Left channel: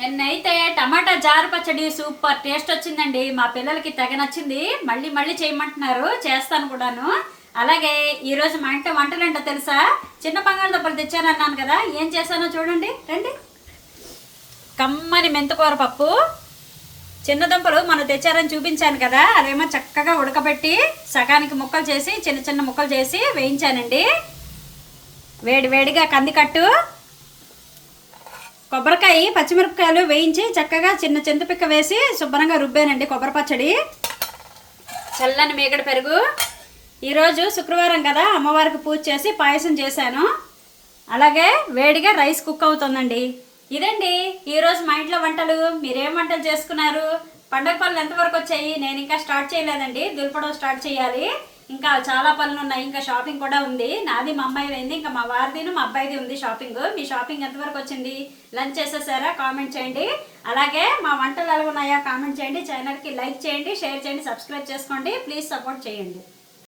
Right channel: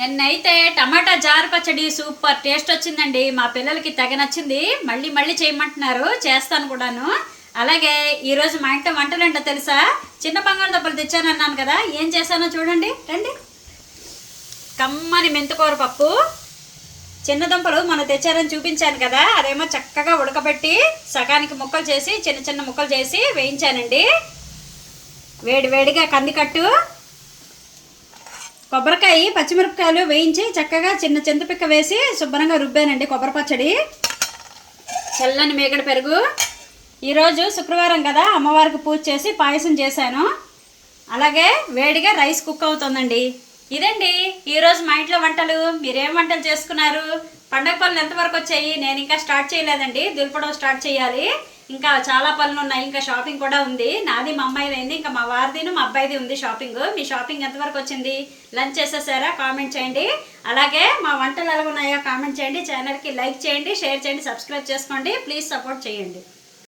నిన్నైతే టమాటా జారు పచ్చడి super taste వచ్చిందండి. మా పిల్లలకి తెగ నచ్చింది. మళ్ళీ మళ్ళీ చేయమంటున్నారు, చేస్తాను కూడాను. అలాగే ఈరోజు మా ఇంట్లో వంటలు ఏంటో తెలుసా? చిన్న బంగాళదుంపలు తెచ్చానన్నాను కదా, ఏం చేశానో చూడండి రండి. కమ్మని మెంతుకూర పప్పు, చిన్న దుంపలు మనం తెచ్చారని చూపించాను కదా, అదేమో చక్కగా ఉడకబెట్టి సగానికి ముక్కలు చేసి చిన్న చిన్న ముక్కలు చేసి వేయించానండి. వేడి వేడిగా కందికట్టు, కొబ్బరికాయ, పచ్చిమిరపకాయలు వేయించి చక్కగా చిన్న చింతపిక్క వేసి శుభ్రంగా రుబ్బానండి కొబ్బరి పచ్చడి. చల్లని మేగడ పెరుగు. ఈరోజు శుక్రవారం కదా, అమ్మవారికి పూజ చేసి పాయసం చేశాను. అలాగే వేడిగా రైస్ కుక్ అవుతుందండి. ఇదండి ఈరోజు మా ఇంట్లో వంటలు. మీరేం వంటలు చేసుకున్నారు? పండగ పనులు ఎంతవరకు వచ్చాయి? నేను ఇంకా స్టార్ట్ చేయలేదండి, దులపడం స్టార్ట్ చేయాలి. ఇంకా చాలా పనులు ఉన్నాయి, ఇంకా షాపింగ్ కూడా ఉంది. నాది మా అమ్మాయిది అయింది, ఇంకా మా వారిదిను మా అబ్బాయిది ఉంది షాపింగ్. మీ షాపింగ్ ఎంతవరకు వచ్చింది? లంచ్ చేసేసారా? కామెంట్ చేయండి. అలాగే మా వంటలు ఎలా ఉన్నాయో కామెంట్ చేయండి. ఛానల్కి లైక్ చేయండి, షేర్ చేయండి, సబ్స్క్రైబ్ చేసుకోండి. ప్లీజ్ సపోర్ట్ చేయండి.